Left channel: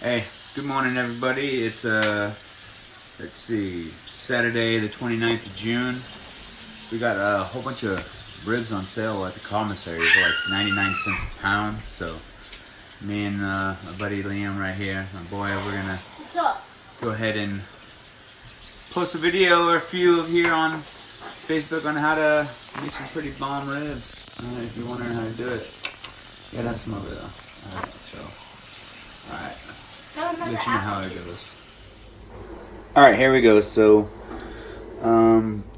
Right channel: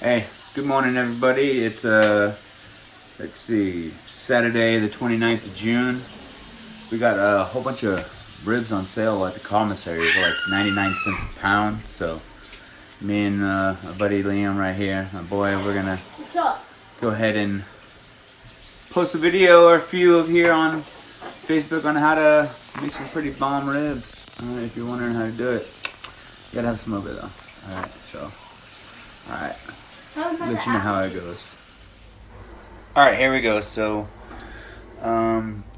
Hey, good morning everybody. It's let's see, Saturday the 29th of June. We got a whole bunch of ribs on sale at the commissary for like 99 cents a pound. So me and my buddy Liam right here, my boy, we're gonna go ahead and post a video or a few of here on Facebook on how to make some pretty bomb ribs. If you're wondering how to do it, you gotta have a smoker though. Alright, so alright. Let you know how it goes. Alright, here we go. So,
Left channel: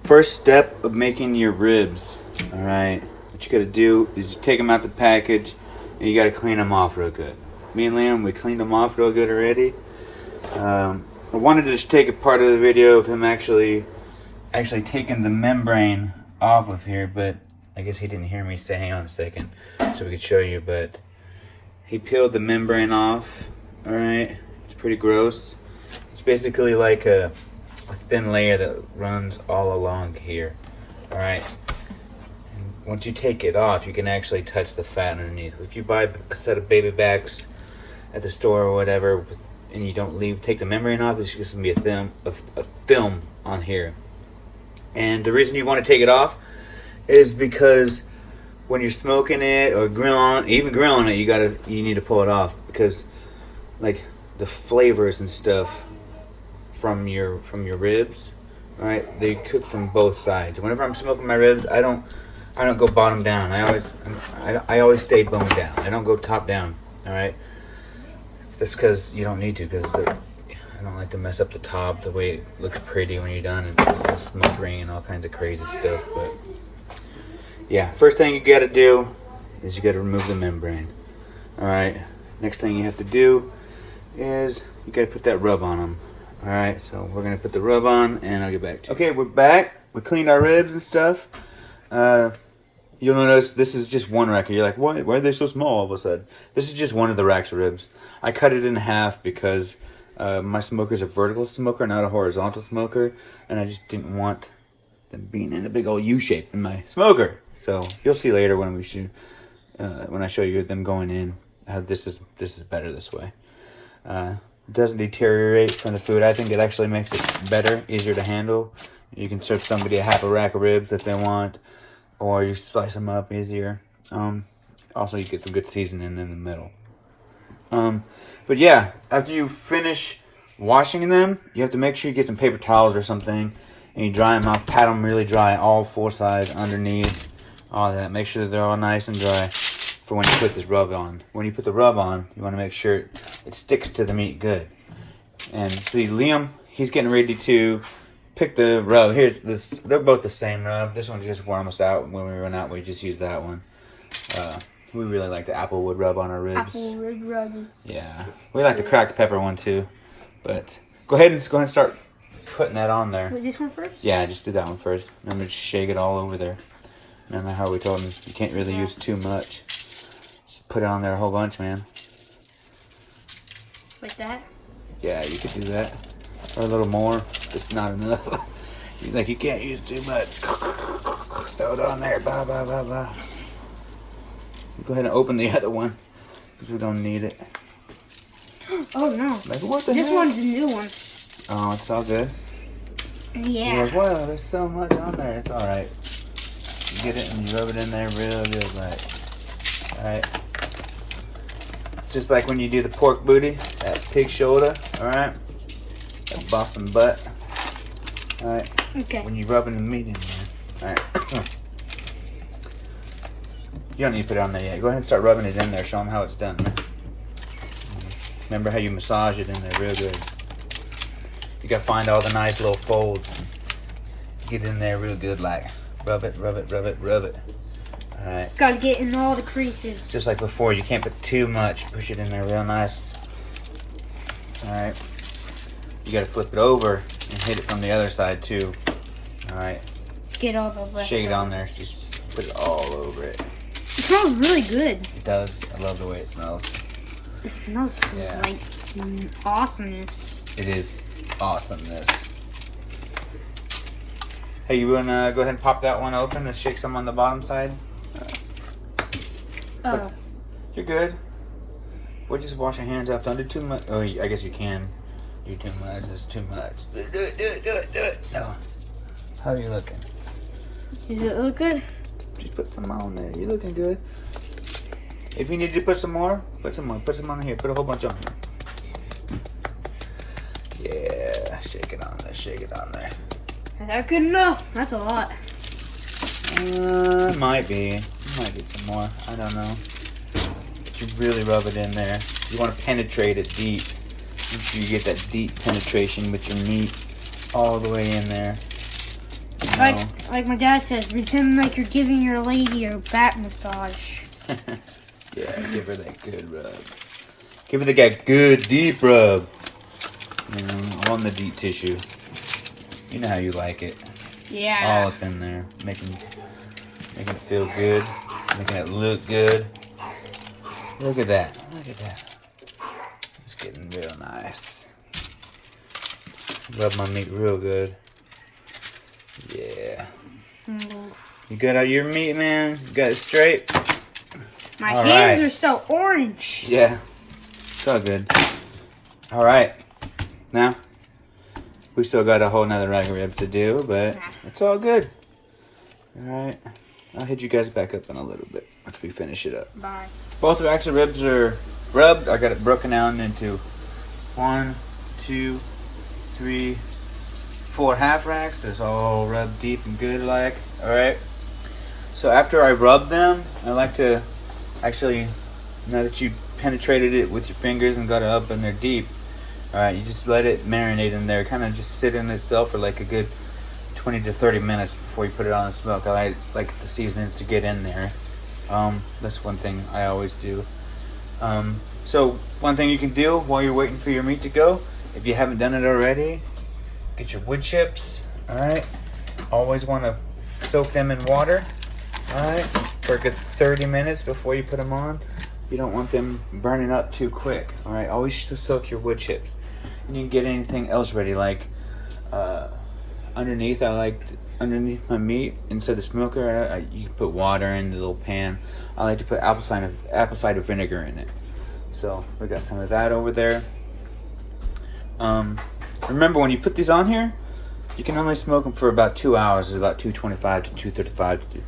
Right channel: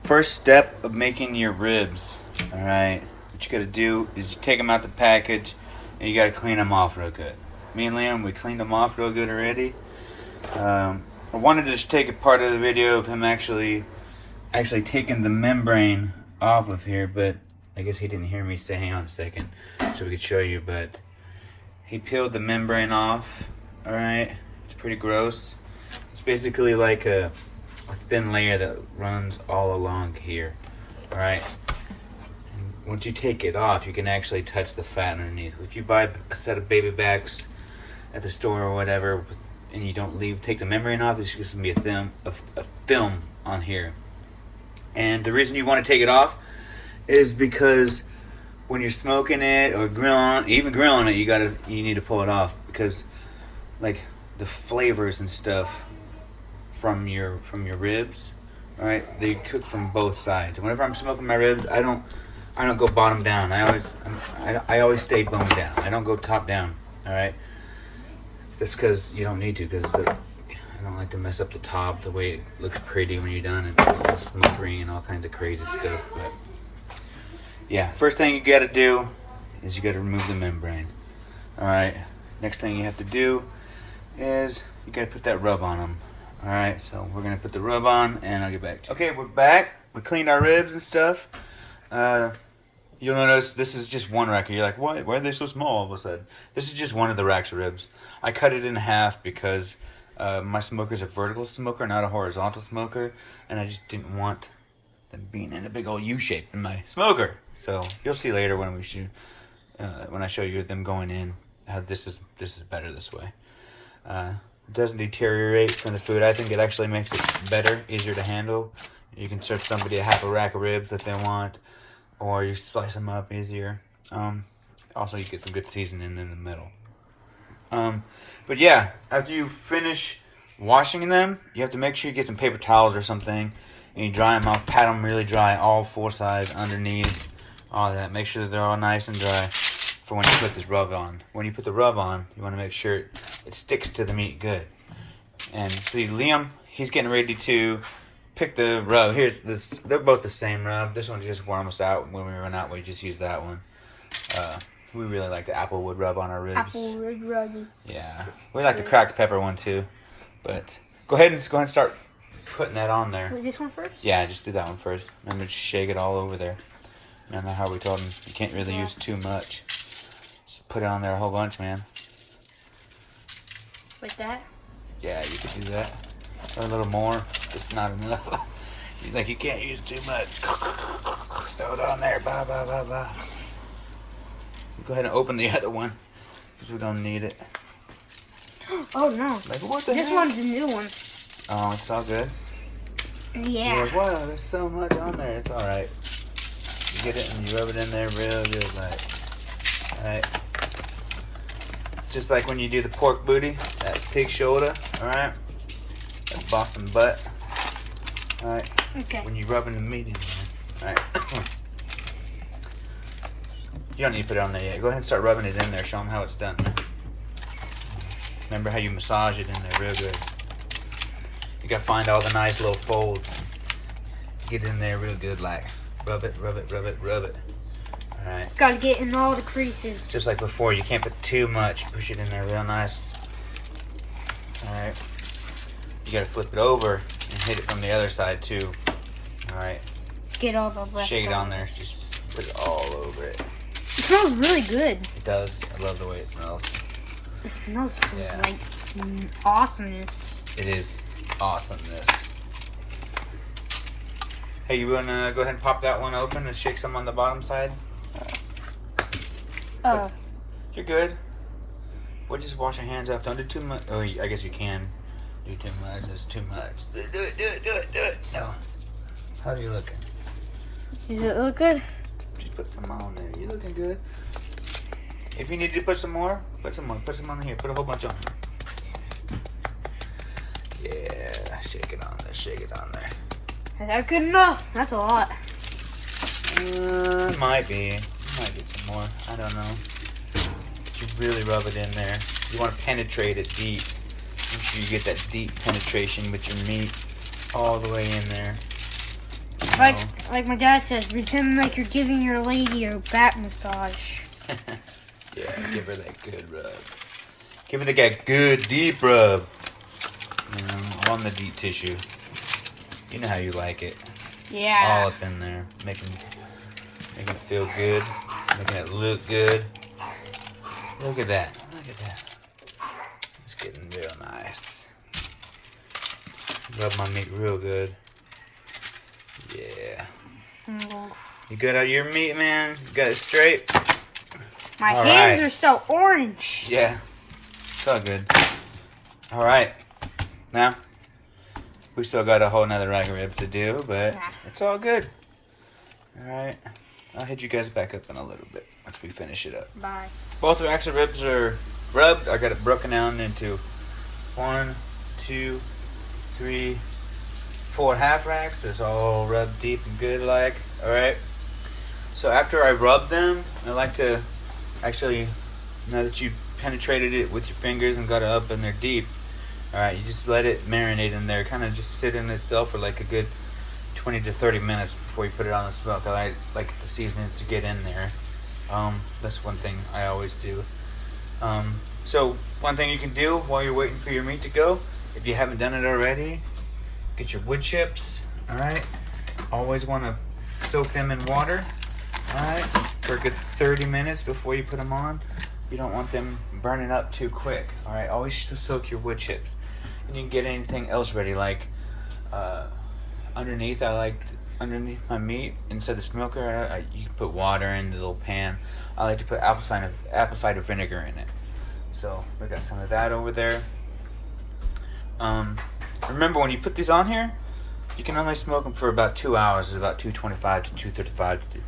first step of making your ribs. Alright, what you gotta do is you take them out the package and you gotta clean them off real good. Me and Liam, we cleaned them off real good already. I wanted to just take a part of the video of him actually taking the membrane off of here, but I guess he didn't hear me say, hang on a second, so we could show you, but he peeled the membrane off. Alright, it's pretty gross. It's basically like a thin layer that runs all along here. Alright, once you take it off, you can actually touch the fat underneath. If you buy a set of baby backs at the store or whatever, and you don't take the membrane off, it's just going to be a film on here. And the reason you want to take it off is because when you're smoking it or grilling it, you need to pull it off, because like the flavors and stuff from your ribs, right? They cook from both sides. Whenever I'm smoking my ribs, I don't go bottom down. I always stay bone down. I don't go top down. All right. That's because you don't need to, because I don't like to mess up the top the way it looks pretty when you're done, and smoke ring and all kinds of crazy stuff. But yeah, first thing you got to do is you got to remove the membrane. All right. Next thing you have to do is you gotta put that rub on them. Alright, so we're gonna put the rub on and I'll get back to you. Okay, we're back. We cleaned our ribs and stuff. You'll notice this is just one rack. You're like, why are they so small all of a sudden? This is just one of the racks of ribs. I cut it in half because my smoker's a vertical smoker, not a horizontal smoker, and I just didn't want them being in a big old U shape in my smoker. So you'll see later when we shoot, when I show you them going in, how this is better this way. It doesn't deteriorate from the food. I think it actually makes it better, easier to handle. You can serve somebody a half a rack of ribs if they want, or you slice them up easier. Also, you get some good seasoning in the middle. But yeah, after you finish washing them, you have to make sure you get some paper towels or something, and you dry them out. Pat them really dry, all four sides, underneath, all that. Make sure that they're all nice and dry for when you put this rub on. When you put the rub on, you want to make sure it sticks to the meat good. And see, Liam, he's getting ready to pick the rub. Here's this. They're both the same rub. This one just warm us out. When we run out, we just use that one. We really like the applewood rub on our ribs. Applewood rubs. Yeah, we like the cracked pepper one too. But go ahead and start putting that on there. Wait, this one first? Yeah, just do that one first. I'm gonna shake it all over there. Remember how we told him you can't really use too much. Just put it on there a whole bunch, man. Like that? Yeah, you could do that. Or a little more. It's not enough. Like, you can't use too much. Throw it on there. Blah, blah, blah, blah. Go ahead and open the other one, because we don't need it. Oh, no. Like, what the This heck? one's a new one. Oh, it's all good. Yeah. You're like, wow, there's so much on there. It's alright. You get it and you rub it in there real good, like. Alright. Just like when you do the pork booty, that pig shoulder, alright? That Boston butt. Alright. Okay. When you're rubbing the meat in there. Alright. You don't need to put it on there yet. Go ahead and start rubbing it in there. Show them how it's done. Remember how you massage it in there real good. You gotta find all the nice little folds. Get it in there real good, like. Rub it, rub it, rub it, rub it. Alright. Gotta get in all the creases. Just like before, you can't put too much. Push it in there real nice. Alright. You gotta flip it over and hit it from the other side too. Alright. Get all the left. Shake it on there. Just put it all over it. It smells really good. It does. I love the way it smells. It smells like awesomeness. It is awesomeness. Hey, you wanna go ahead and pop that one open and shake some on the bottom side? Oh. You're good. Or just wash your hands after. Don't do too much. Oh, I guess you can do too much. It's too much. Do it. No. How are you looking? Does it look good? Just put some on there. You're looking good. If you need to put some more, put some more. Put some on here. Put a whole bunch on here. Yeah. Shake it on there. Shake it on there. Is that good enough? That's a lot. Might be. Might get some more. I don't know. But you really rub it in there. You want to penetrate it deep. Make sure you get that deep penetration with your meat all the way in there. Like my dad says, pretend like you're giving your lady a back massage. Yeah, give her that good rub. Give her that good deep rub. On the deep tissue. You know how you like it. Yeah. All up in there. Making it feel good. Making it look good. Look at that. Look at that. It's getting real nice. Rub my meat real good. Yeah. You got out your meat, man? You got it straight? My All hands right. are so orange. Yeah. It's all good. Alright. Now, we still got a whole nother rack of ribs to do, but it's all good. Alright. I'll hit you guys back up in a little bit after we finish it up. Bye. Both racks of ribs are rubbed. I got it broken down into 1, 2, 3, 4 half racks. It's all rubbed deep and good like. Alright. So after I rub them, I like to actually, now that you penetrated it with your fingers and got it up in there deep, alright, you just let it marinate in there. Kind of just sit in itself for like a good 20 to 30 minutes before you put it on the smoke. I like the seasonings to get in there. That's one thing I always do. So one thing you can do while you're waiting for your meat to go, if you haven't done it already, get your wood chips. Alright, always want to soak them in water. Alright, for a good 30 minutes before you put them on. You don't want them burning up too quick. Alright, always soak your wood chips. And you can get anything else ready, like underneath my meat, instead of smoker, you can put water in the little pan. I like to put apple cider vinegar in it. So we got some of that over there. Remember, when you put these on here, you can only smoke them for about 2 hours. It's about 225 to 235 to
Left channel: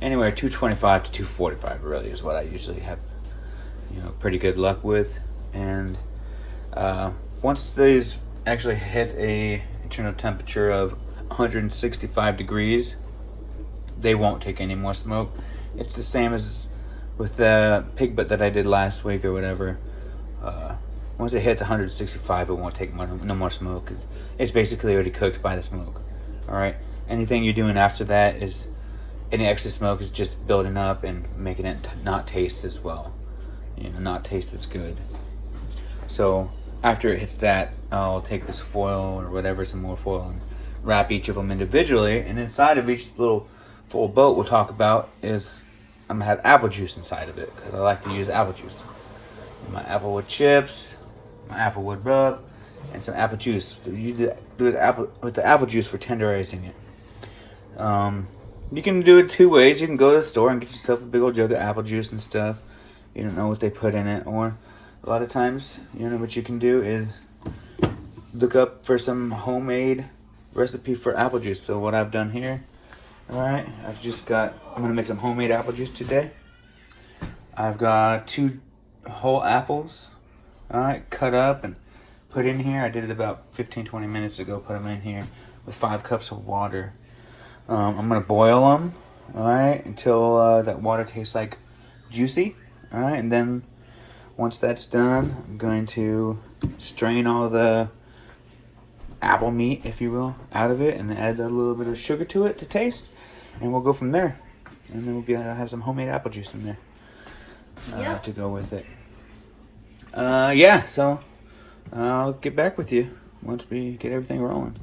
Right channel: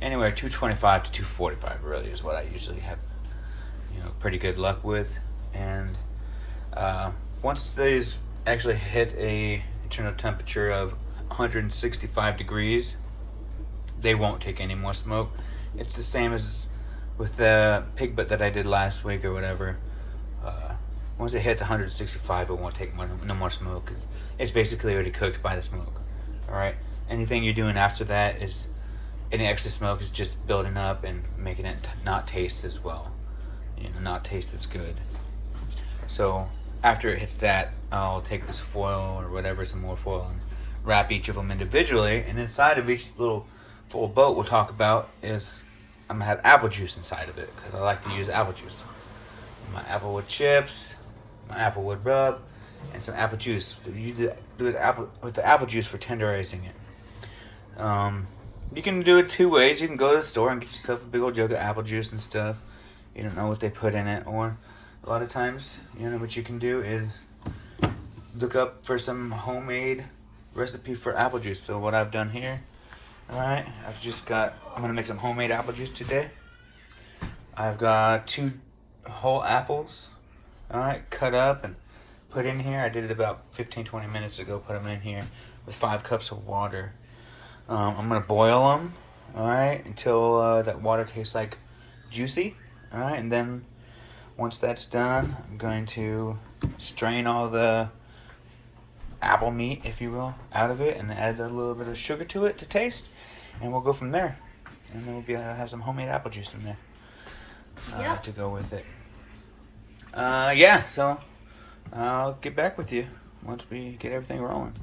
anywhere 225 to 245 really is what I usually have, pretty good luck with. And once these actually hit a internal temperature of 165 degrees, they won't take any more smoke. It's the same as with the pig butt that I did last week or whatever. Once it hits 165, it won't take no more smoke. It's basically already cooked by the smoke. Alright, anything you're doing after that is, any extra smoke is just building up and making it not taste as well. Not taste as good. So after it hits that, I'll take this foil or whatever, some more foil, and wrap each of them individually. And inside of each little full boat we'll talk about is, I'm gonna have apple juice inside of it, because I like to use apple juice. My applewood chips, my applewood rub, and some apple juice. You do it with the apple juice for tenderizing it. You can do it two ways. You can go to the store and get yourself a big old jug of apple juice and stuff. You don't know what they put in it, or a lot of times, what you can do is look up for some homemade recipe for apple juice. So what I've done here, alright, I'm gonna make some homemade apple juice today. I've got 2 whole apples, alright, cut up and put in here. I did it about 15-20 minutes ago. Put them in here with 5 cups of water. I'm gonna boil them, alright, until that water tastes like juicy. Alright, and then once that's done, I'm going to strain all the apple meat, if you will, out of it, and add a little bit of sugar to it to taste, and we'll go from there. And then we'll be able to have some homemade apple juice in there to go with it. Yeah, so I'll get back with you once we get everything rolling.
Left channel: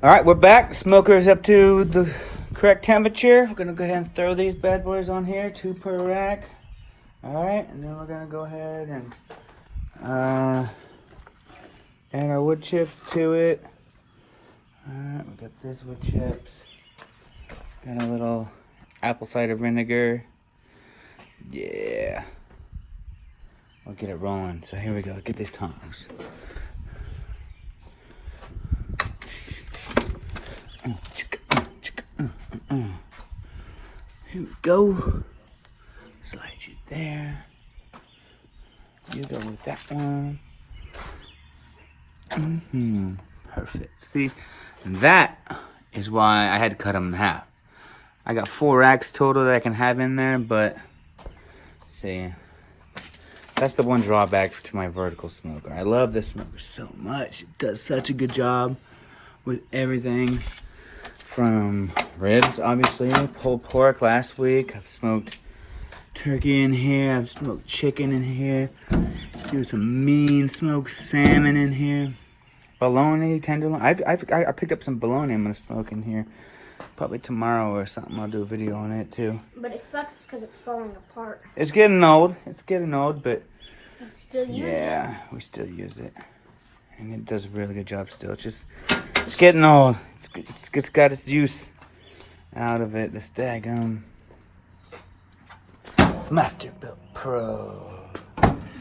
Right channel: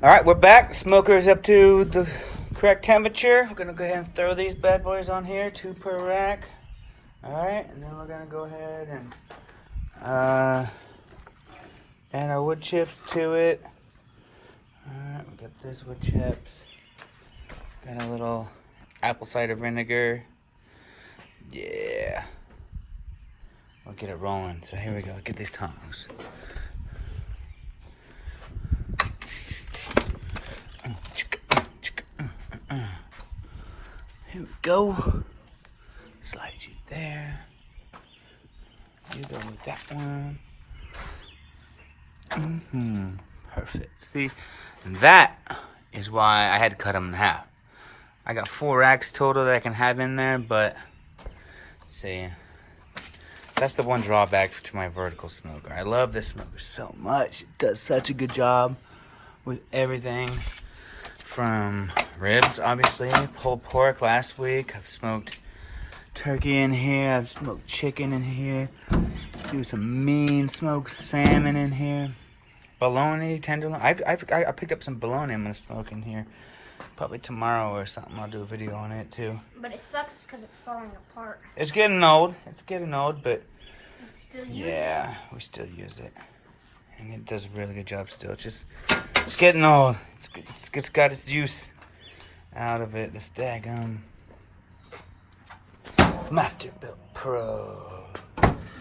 Alright, we're back. Smoker's up to the correct temperature. I'm gonna go ahead and throw these bad boys on here, 2 per rack. Alright, and then we're gonna go ahead and add our wood chips to it. Alright, we got this wood chips. Got a little apple cider vinegar. Yeah. we'll get it rolling. So here we go. Get these tongs. Here we go. Slide you there. You go with that one. Perfect. See, and that is why I had to cut them in half. I got 4 racks total that I can have in there, but see, that's the one drawback to my vertical smoker. I love this smoker so much. It does such a good job with everything. From ribs, obviously, pulled pork last week. I've smoked turkey in here. I've smoked chicken in here. Do some mean smoked salmon in here. Bologna, tenderloin. I picked up some bologna I'm gonna smoke in here. Probably tomorrow or something. I'll do a video on it too. But it sucks because it's falling apart. It's getting old. It's getting old, but We still use it. yeah, we still use it, and it does a really good job still. It's getting old. It's got its use out of it. This daggum Masterbuilt Pro.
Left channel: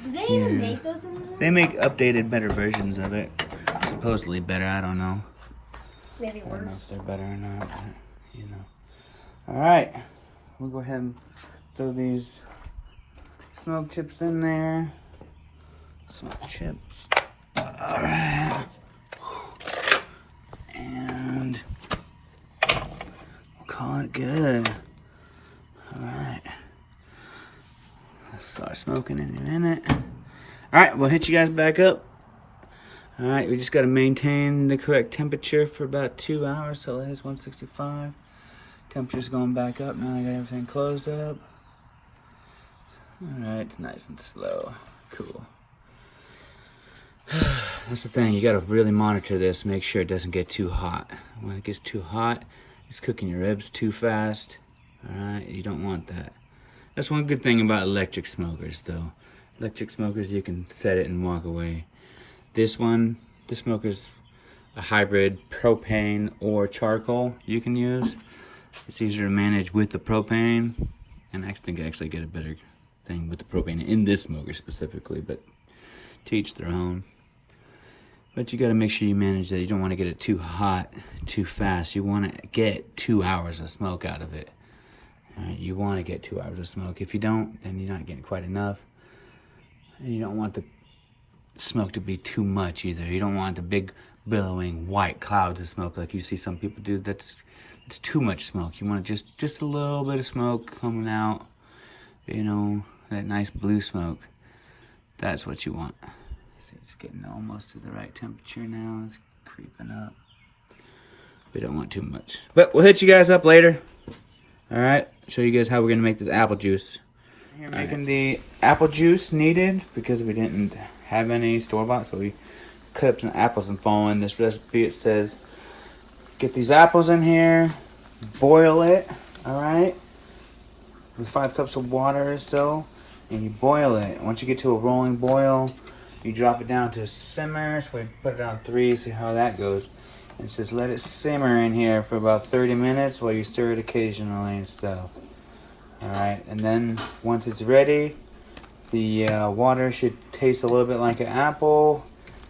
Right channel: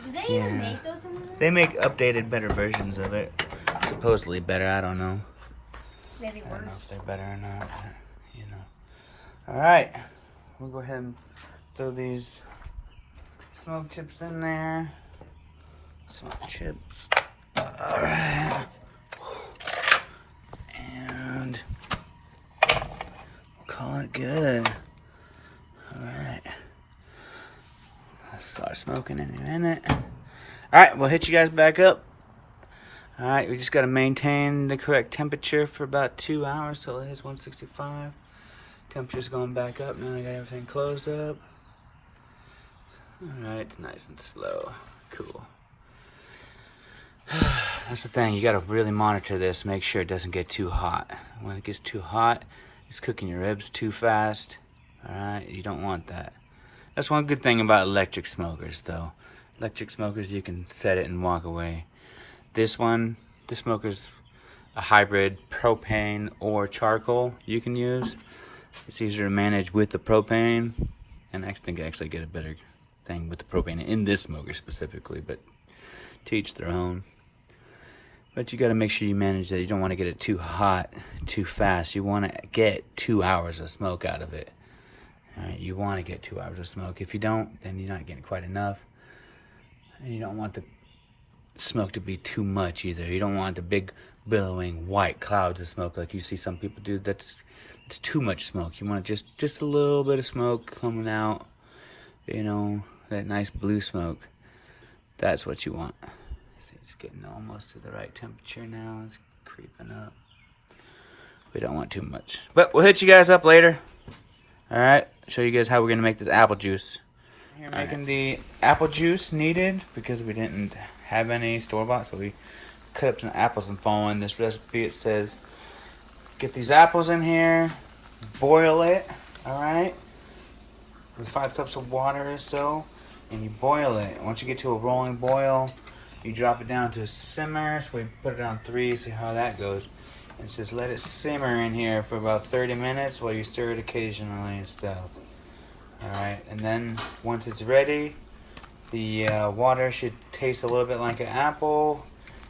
Do they even make those anymore? They make updated, better versions of it. Supposedly better. I don't know. Maybe I don't know worse. if they're better or not. But, you know. All right, we'll go ahead and throw these smoke chips in there. Smoke chips. All right. And we'll call it good. Alright. Let's start smoking in a minute. Alright, we'll hit you guys back up. Alright, we just got to maintain the correct temperature for about 2 hours till it hits 165. Temperature's going back up now. I got everything closed up. Alright, it's nice and slow. Cool. That's the thing, you gotta really monitor this, make sure it doesn't get too hot. When it gets too hot, it's cooking your ribs too fast. Alright, you don't want that. That's one good thing about electric smokers though. Electric smokers, you can set it and walk away. This smoker's a hybrid propane or charcoal you can use. It's easier to manage with the propane, and I think I actually get a better thing with the propane in this smoker specifically, but to each their own. But you got to make sure you manage that. You don't want to get it too hot too fast. You want to get 2 hours of smoke out of it. Alright, you want to get 2 hours of smoke. If you don't, then you're not getting quite enough. And you don't want the smoke to be too much either. You don't want the big billowing white clouds of smoke like you see some people do. It's too much smoke. You want just a little bit of smoke coming out. You know, that nice blue smoke. That's what you want. See, it's getting almost to the right temperature now. It's creeping up. We don't want too much. But we'll hit you guys up later. Alright, show you guys how we're going to make this apple juice. Here making the apple juice needed because we didn't have any store-bought, so we cut up some apples and fall in this recipe. It says, get these apples in here, boil it, alright, with 5 cups of water or so. And you boil it. Once you get to a rolling boil, you drop it down to a simmer. So we put it on 3, see how that goes. And it says let it simmer in here for about 30 minutes while you stir it occasionally and stuff. Alright, and then once it's ready, the water should taste a little bit like an apple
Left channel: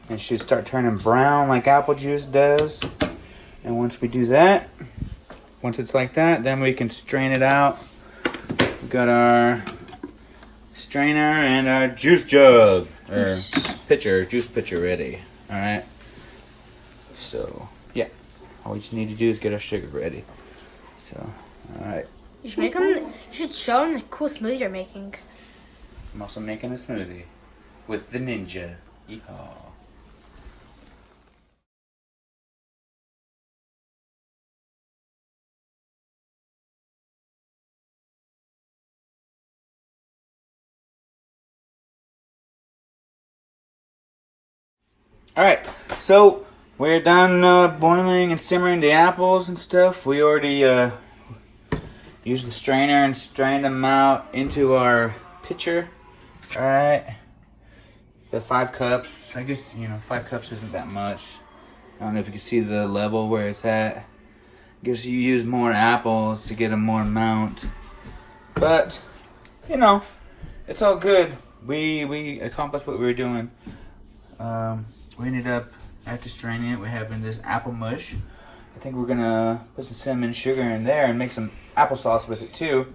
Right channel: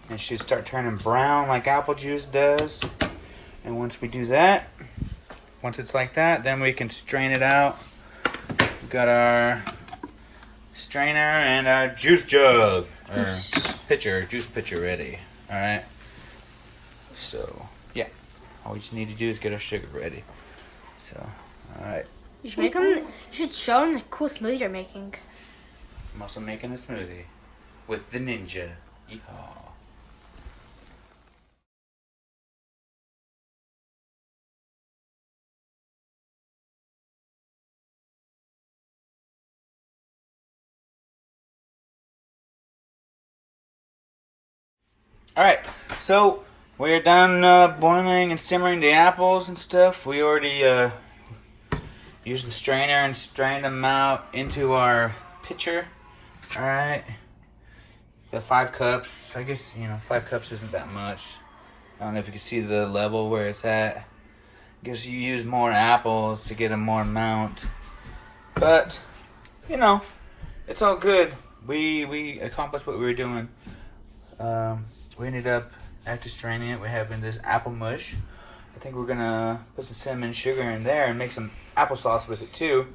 and should start turning brown like apple juice does. And once we do that, once it's like that, then we can strain it out. We've got our strainer and our juice jug, or juice pitcher ready. Alright, so yeah, all we just need to do is get our sugar ready. So, alright. You should make them. You should show them the cool smoothie you're making. I'm also making a smoothie with the Ninja. Yeehaw. Alright, so we're done boiling and simmering the apples and stuff. We already used the strainer and strained them out into our pitcher. Alright, the 5 cups. I guess, 5 cups isn't that much. I don't know if you can see the level where it's at. I guess you use more apples to get a more amount. But, it's all good. we accomplished what we were doing. We ended up, after straining it, we're having this apple mush. I think we're gonna put some cinnamon sugar in there and make some applesauce with it too.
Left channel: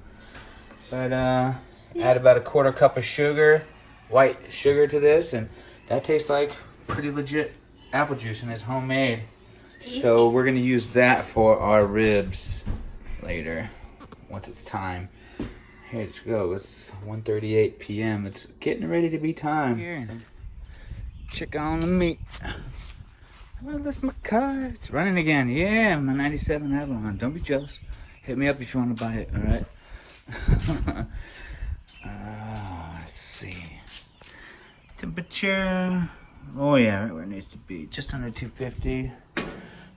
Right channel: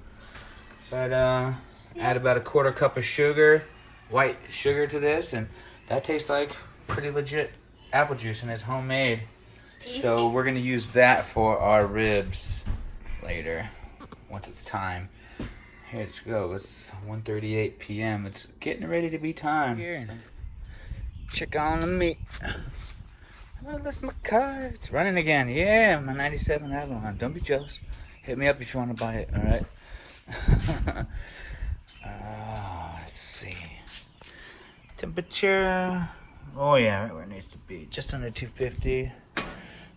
But add about a 1/4 cup of sugar, white sugar to this, and that tastes like pretty legit apple juice, and it's homemade. So we're gonna use that for our ribs later, once it's time. Here, let's go. It's 1:38 p.m. It's getting ready to be time. Here, check on the meat. Oh, that's my car. It's running again. Yeah, my 97 Avalon. Don't be jealous. Hit me up if you want to buy it, all right? Let's see. Temperature. Oh, yeah, right where it needs to be. Just under 250.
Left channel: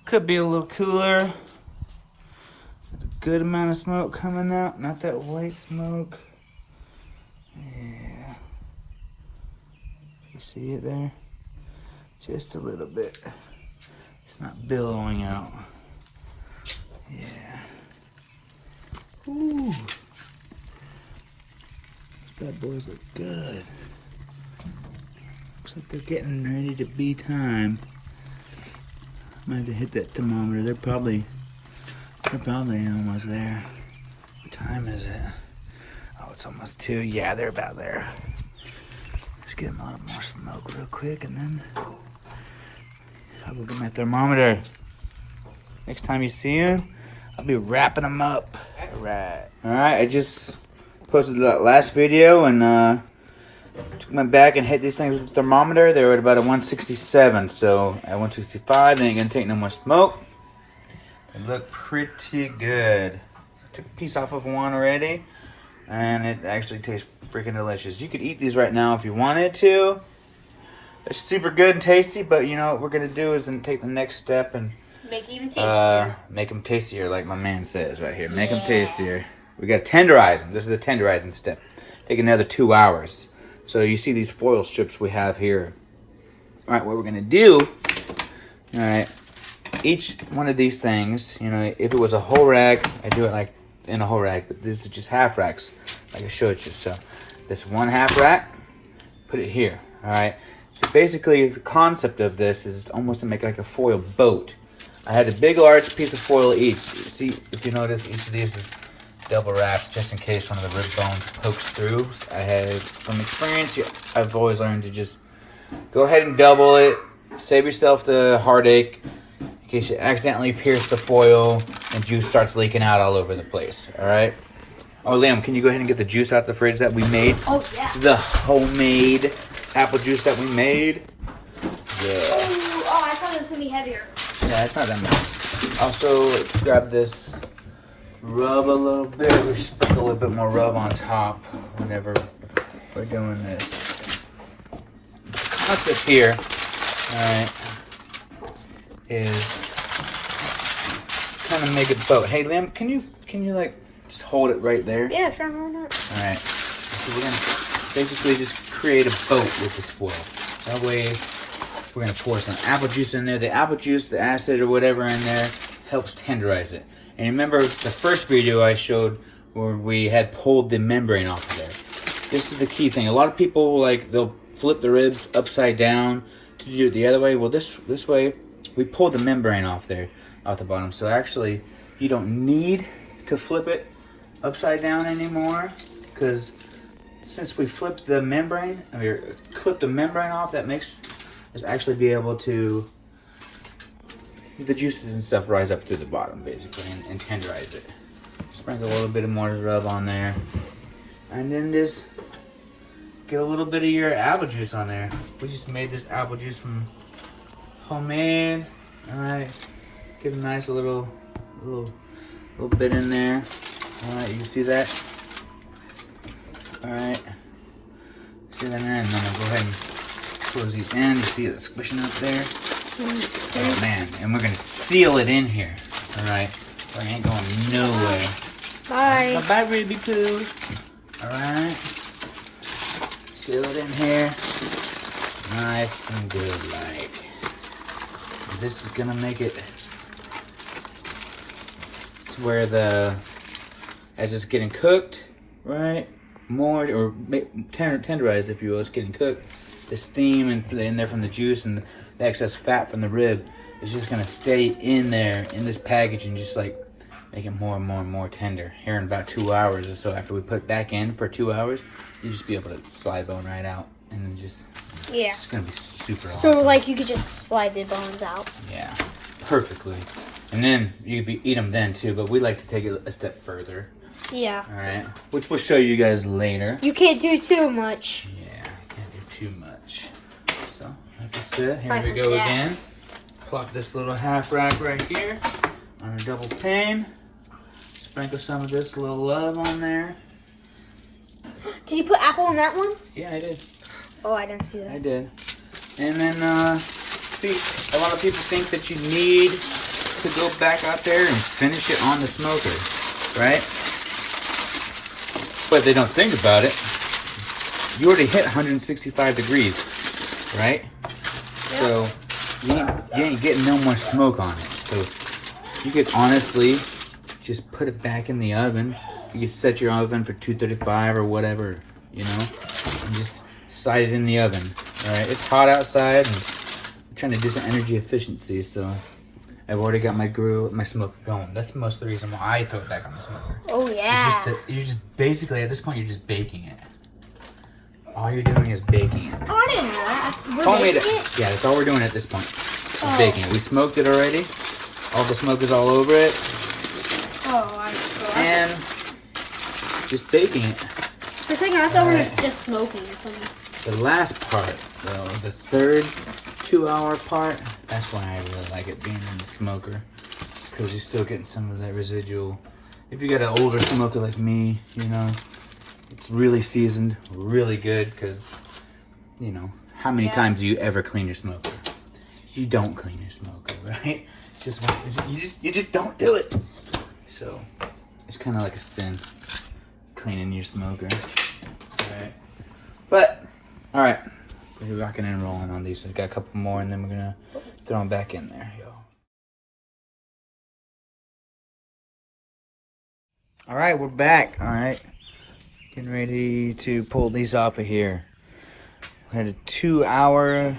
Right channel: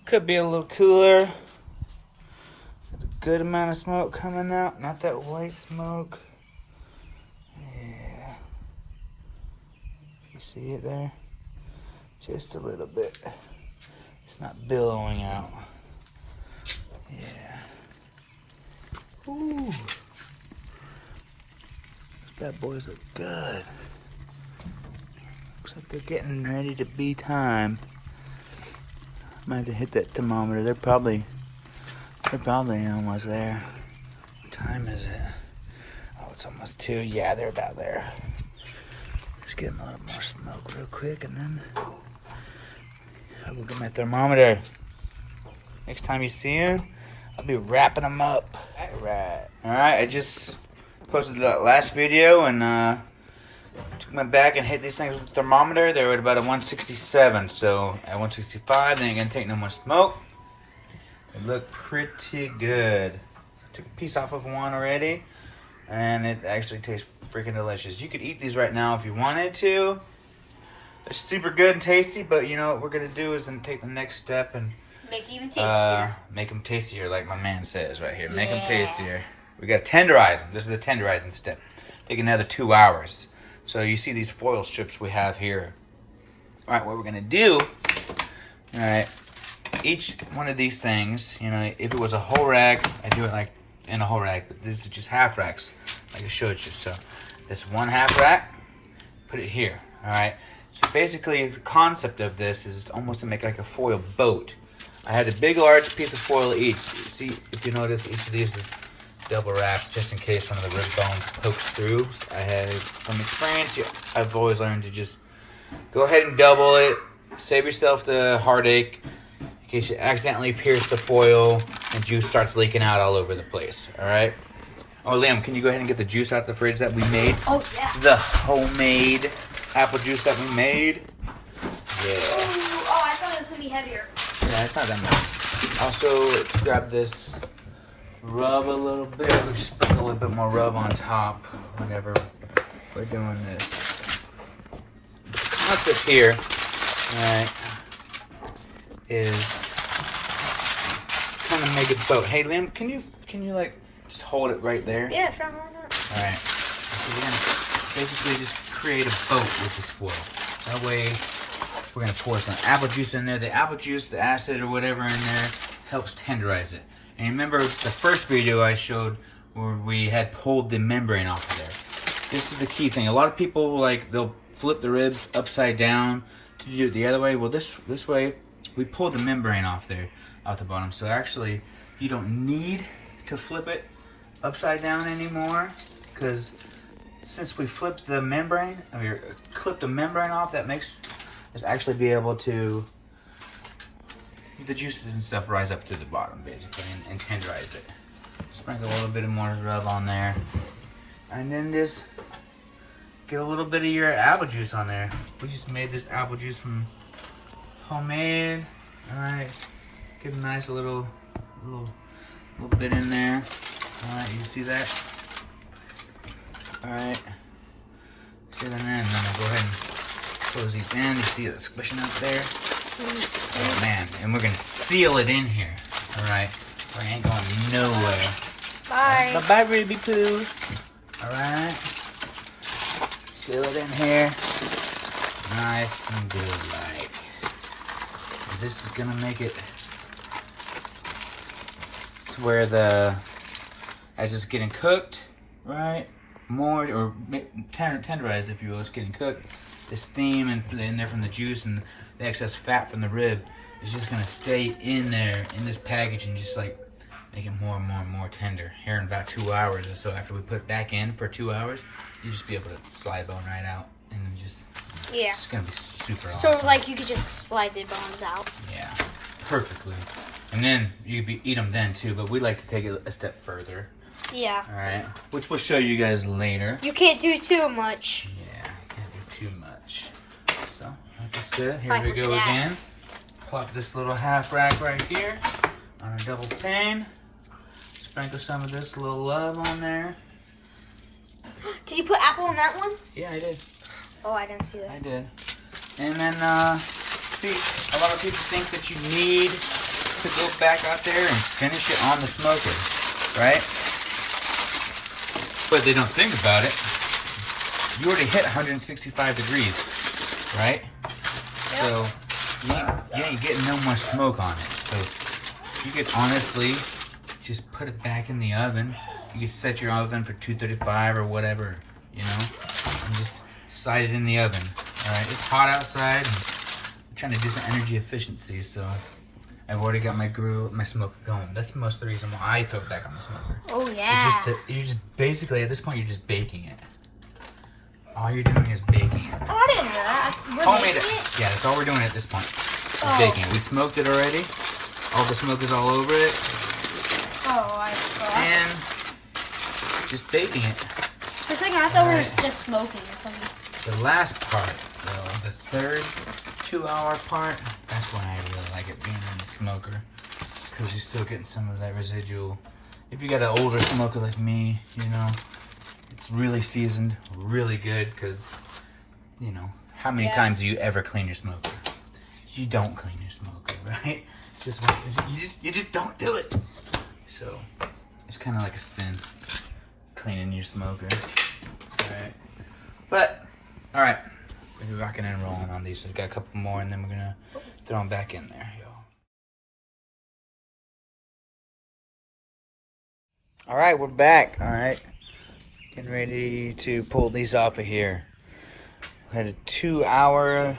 Could be a little cooler. There's a good amount of smoke coming out. Not that white smoke. Yeah. You see it there? Just a little bit. It's not billowing out. Yeah. Ooh. Bad boys look good. Looks like they're getting ready to be time. Might have to hit that thermometer. They're probably almost there. What time is it? Oh, it's almost 2. Yeah, they're about there. Let's get them a little more smoke real quick, and then I'll go get my thermometer. Next time you see him, I'll be wrapping them up. Alright, I just posted that last video and went back and hit these things with the thermometer. They were at about a 167, so at 165, they ain't gonna take no more smoke. They look pretty good. Took a piece off of one already, and it actually tastes freaking delicious. You could eat these right now if you wanted to. They're super good and tasty, but you know what we're gonna do is then take the next step and make it even tastier. Make them tastier, like my man says right here. Make them tastier. We gotta tenderize them. This is the tenderizing step. Take another 2 hours. So you see these foil strips we have here. All right, what we're gonna do, all right, each one of these things, you know, if it was a whole rack, I'd do it like in a whole rack, but this is just half racks, like I showed you. So this 1/2 rack, put it here, all right? So basically the concept of this is almost to make like a foil boat. I had a big, large piece of foil each. See, if you notice, each of these is double wrapped just in case one of the rib bones pokes through. I had, from experience, I've always learned to just go ahead and double it. Save yourself the heartache in case you accidentally pierce the foil and juice starts leaking out all over the place, all right? Oh, Liam, can you go ahead and get the juice out the fridge that we made? Oh, yeah. The homemade apple juice that we made. Yeah. Oh, I thought it was going to be heavier. Yeah, it's not that much. Also, let's grab this. Rub a little bit. We just put a little bit more rub on top whenever we're doing this. The concept here, alright, is kind of make a boat. Hey, Liam, can you like just hold it right there? Yeah, sure. Alright. So we're gonna basically just create a boat with this foil. That way, we're gonna pour some apple juice in there. The apple juice, the acid or whatever in there helps tenderize it. And remember the first video I showed where we had pulled the membrane off of there. This is the key thing. A lot of people, like, they'll flip the ribs upside down to do it the other way. Well, this way, we pulled the membrane off there, off the bottom. So actually, you don't need to flip it upside down anymore, because since we flipped the membrane, or clipped the membrane off, that makes us actually be able to, the juices and stuff rise up through the bottom, basically, and tenderize it. Sprinkle a little bit more rub on there. And then just get a little bit of your apple juice on there. We just made this apple juice from homemade. Alright, give a nice little bit in there. Alright, you can see that? Alright. See that in there? And then I'll go ahead and close these in. You see it squishing up there? Oh man, and we're gonna seal it in here. Alright, there ain't going nowhere. Bye. Bye-bye, Ruby Poo. Alright. Seal it in here. Nice and good, like. This is gonna make it to where as it's getting cooked, right? more, or tenderize, if you will. It's getting cooked. The steam in there from the juice and the excess fat from the rib is just gonna stay in there in this package and just like make it more and more and more tender. Here in about 2 hours or so, after we put it back in for 2 hours, you just be able to slide bone right out, and then just it's gonna be super awesome. So like you could just slide the bones out. Yeah, perfectly. And then you could eat them then too, but we like to take it a step further. Yeah. All right, which we'll show you guys later. You can't do too much. Yeah, can't do too much. So, like I said, here we go again. Plop this little half rack right here on a double pane. Sprinkle some of this little love on there. Did you put apple in that one? Yeah, I did. Oh, I didn't see that. I did. And then, see, a lot of people think that you need to go back out there and finish it on the smoker, right? But they don't think about it. You already hit 165 degrees, right? So you ain't getting no more smoke on it. So you could honestly just put it back in the oven. You could set your oven for 235 or whatever, you know, and just slide it in the oven. All right, it's hot outside, and I'm trying to do some energy efficiency, so I've already got my smoker going. That's most of the reason why I throw it back on the smoker. Oh yeah. You're just basically, at this point, you're just baking it. All you're doing is baking it. I didn't know that. Homemade it. Yeah, that's all we're doing at this point. Is baking it. We smoked it already. All the smoke is all over it. Oh, I saw. And just baking it. For a second, I thought we were just smoking or something. The last part, though, the third 2-hour part, that's why I really like it being in the smoker. Because you're still getting some of that residual. If you got an older smoker like me, you know, it's really seasoned, really good, because, you know, how many times do you ever clean your smoker? You don't clean your smoker, right? You just don't do it. So it's kind of like a sin, cleaning your smoker. Alright. But, alright. We're rocking and rolling on these. So we've got a couple more, and then we're gonna throw them back in there. Alright, we're back. Alright. Getting ready to pull these off of here. We had a 2-hour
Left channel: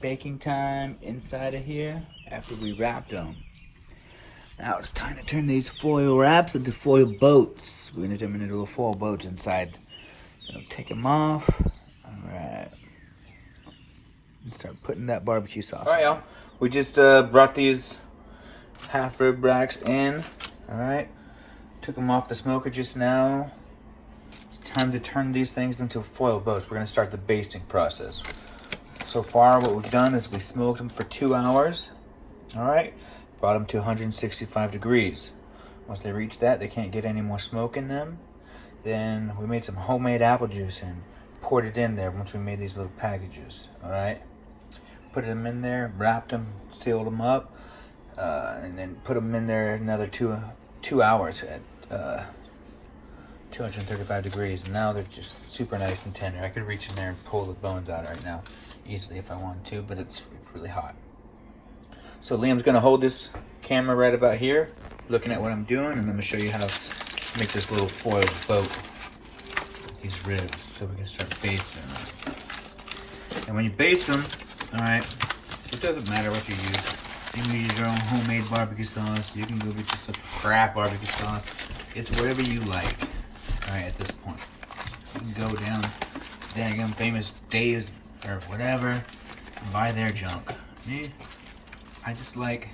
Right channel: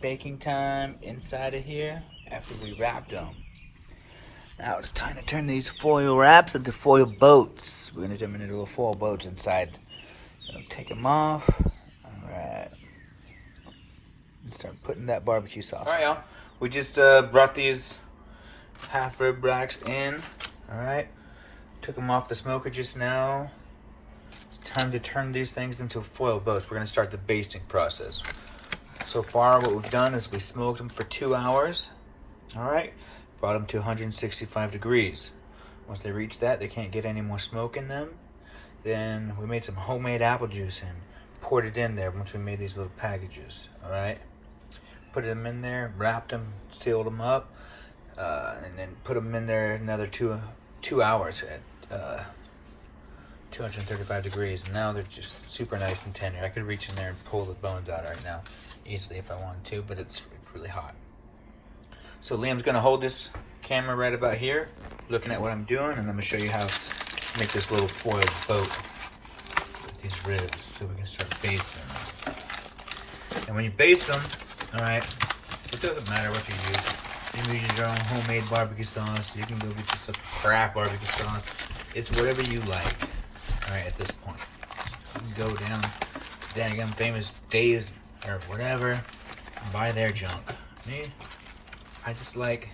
baking time inside of here after we wrapped them. Now it's time to turn these foil wraps into foil boats. We're gonna turn them into little foil boats inside. So take them off. Alright. Let's start putting that barbecue sauce. Alright, y'all. We just brought these half rib racks in. Alright. Took them off the smoker just now. It's time to turn these things into foil boats. We're gonna start the basting process. So far, what we've done is we smoked them for 2 hours. All right, brought them to 165 degrees. Once they reach that, they can't get any more smoke in them. Then we made some homemade apple juice and poured it in there once we made these little packages. All right, put them in there, wrapped them, sealed them up, and then put them in there another two hours at 235 degrees, and now they're just super nice and tender. I could reach in there and pull the bones out right now easily if I wanted to, but it's really hot. So Liam's gonna hold this camera right about here, looking at what I'm doing, and I'm gonna show you how to make this little foil boat with these ribs so we can start basting them. And when you baste them, all right, it doesn't matter what you use. You can use your own homemade barbecue sauce. You can go get just some crap barbecue sauce. It's whatever you like. Right at this point, you can go down Dang Famous Days or whatever and buy their junk. Me, I just like,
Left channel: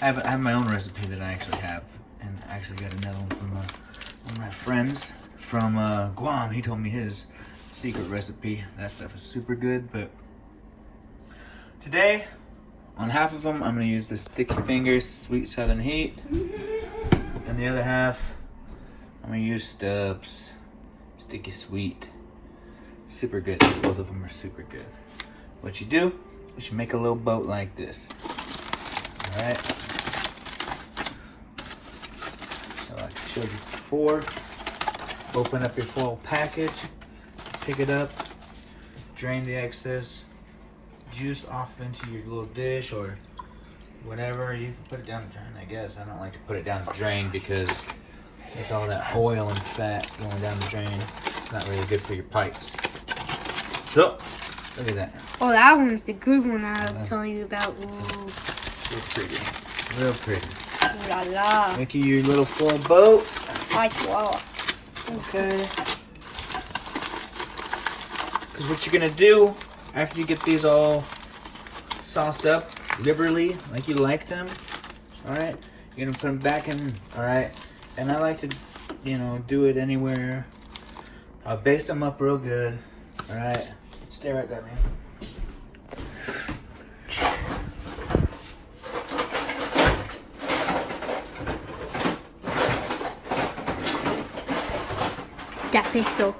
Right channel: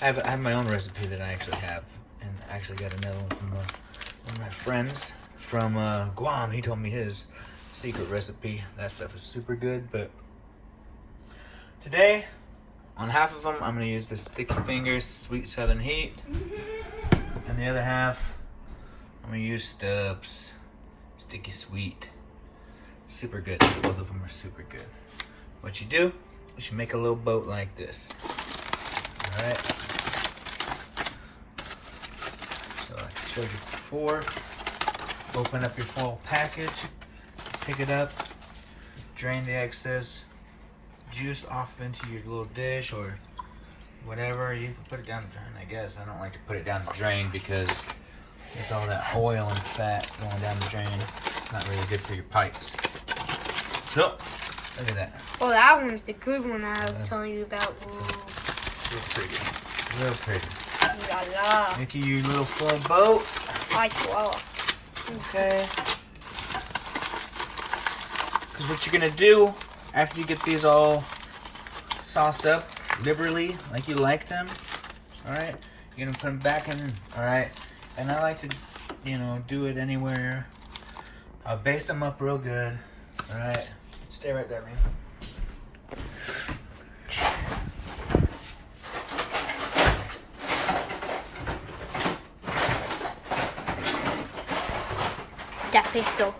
I have my own recipe that I actually have, and I actually got another one from one of my friends from Guam. He told me his secret recipe. That stuff is super good. But today, on half of them, I'm gonna use the Sticky Fingers Sweet Southern Heat, and the other half I'm gonna use Stubbs Sticky Sweet. Super good. Both of them are super good. What you do is you make a little boat like this. Alright. So I showed you before. Open up your foil package, pick it up, drain the excess juice off into your little dish or whatever. You can put it down the drain, I guess. I don't like to put it down the drain because It's all that oil and fat going down the drain. It's not really good for your pipes. So, look at that. Oh, that one's the good one that I was telling you about. Whoa. Real pretty. Real pretty. La la. Make you your little full boat. Like wow. Okay. Because what you're going to do after you get these all sauced up liberally, like you like them, alright? You're going to put them back in, alright? And I like to, you know, do it anywhere. I'll baste them up real good, alright? Stay right there, man. Ya listo.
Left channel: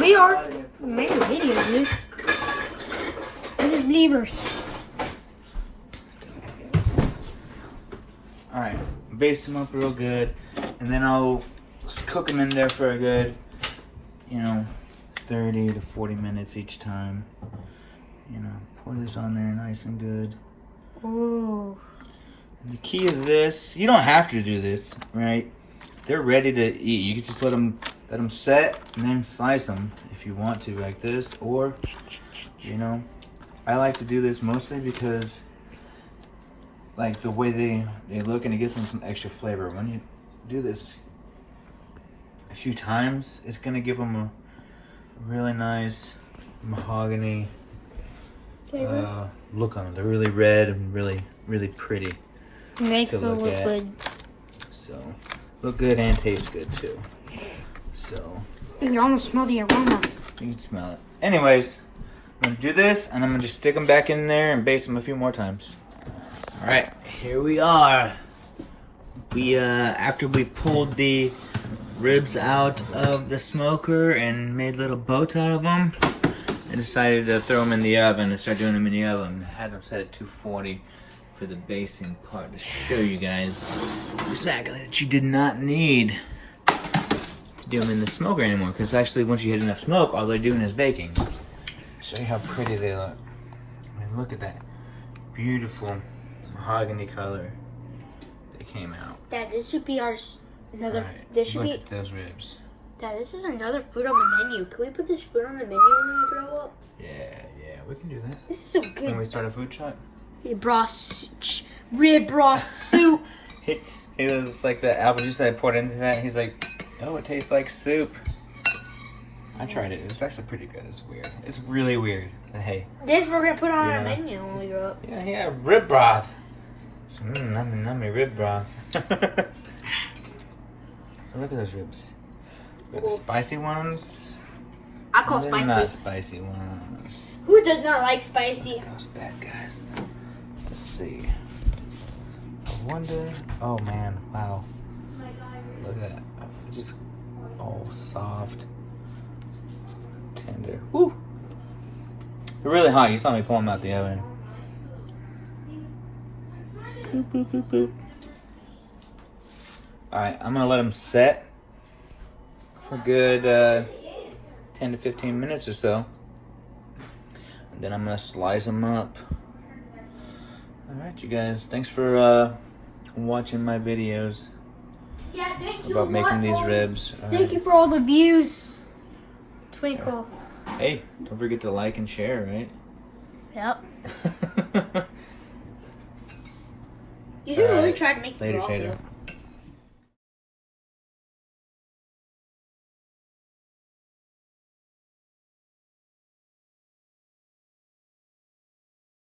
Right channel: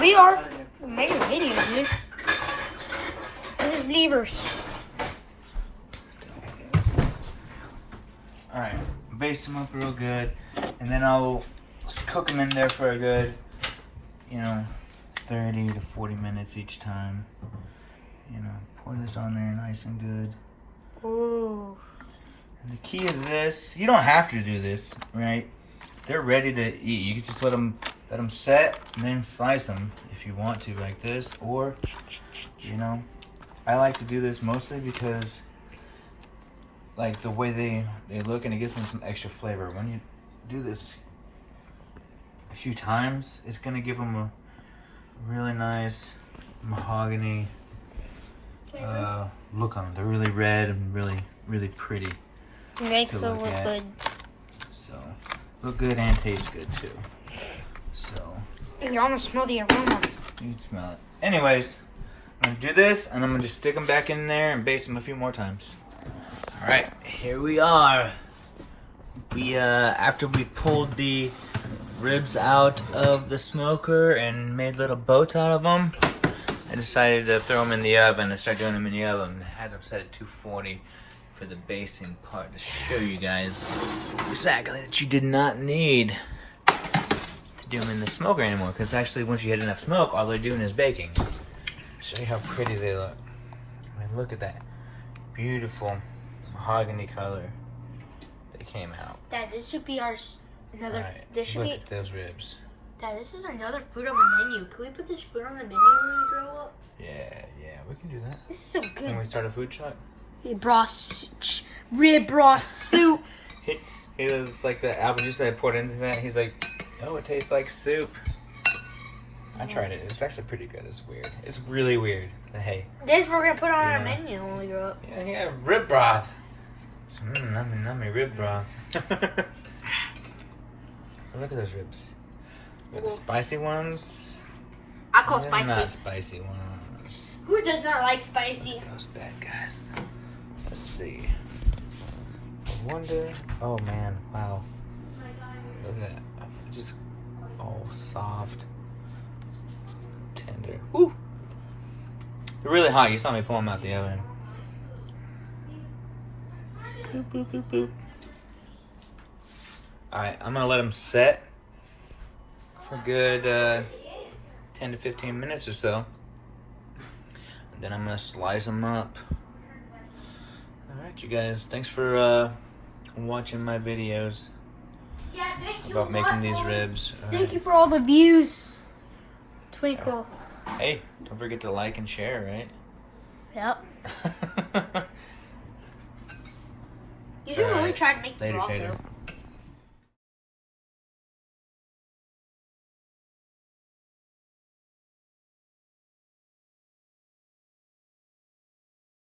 We are making a video, dude. There's levers. Alright, baste them up real good, and then I'll cook them in there for a good, 30 to 40 minutes each time. Pour this on there nice and good. Ooh. And the key to this, you don't have to do this, right? They're ready to eat. You can just let them set and then slice them if you want to, like this. Or, I like to do this mostly because, like, the way they look, and it gives them some extra flavor. When you do this a few times, it's gonna give them a really nice mahogany look on them. They're really red and really, really pretty Makes to them look look at. good. So, look good and taste good too. So, You can almost smell the aroma. you can smell it. Anyways, I'm gonna do this, and I'm gonna just stick them back in there and baste them a few more times. All right, here we are. We after we pulled the ribs out of the smoker and made little boats out of them, I decided to throw them in the oven and start doing them in the oven. I had them set at 240 for the basting part to show you guys exactly that you did not need to do them in the smoker anymore, because actually once you hit enough smoke, all they're doing is baking. Show you how pretty they look. I mean, look at that beautiful mahogany color that came out. Dad, this should be our another. Alright, This should look be. at those ribs. Dad, this is another food on the menu. Can we put this food on the menu when we grow up? Yeah, we can do that. This is so When good. we start a food truck. Rib broth soup. He was like the apple juice that I poured into that. He's like, oh, it tastes like soup. I tried it. It's actually pretty good. It's weird. It's really weird. But hey. This we're gonna put on our Yeah. menu when we grow up. Yeah, rib broth. Nummy rib broth. Look at those ribs. The spicy ones. I call and then spicy. Not spicy ones. Who does not like spicy? Those bad guys. Let's see. I wonder. Oh man, wow. Look at that. It's just all soft, tender. Woo! They're really hot. You saw me pull them out the oven. Boop, boop, boop, boop. Alright, I'm gonna let them set for a good 10 to 15 minutes or so. And then I'm gonna slice them up. Alright, you guys, thanks for watching my videos Yeah, thank you. about making these ribs. Thank you for all the views. Twinkle. Hey, don't forget to like and share, right? Yep. You should really try to make the Later, broth Tater. though.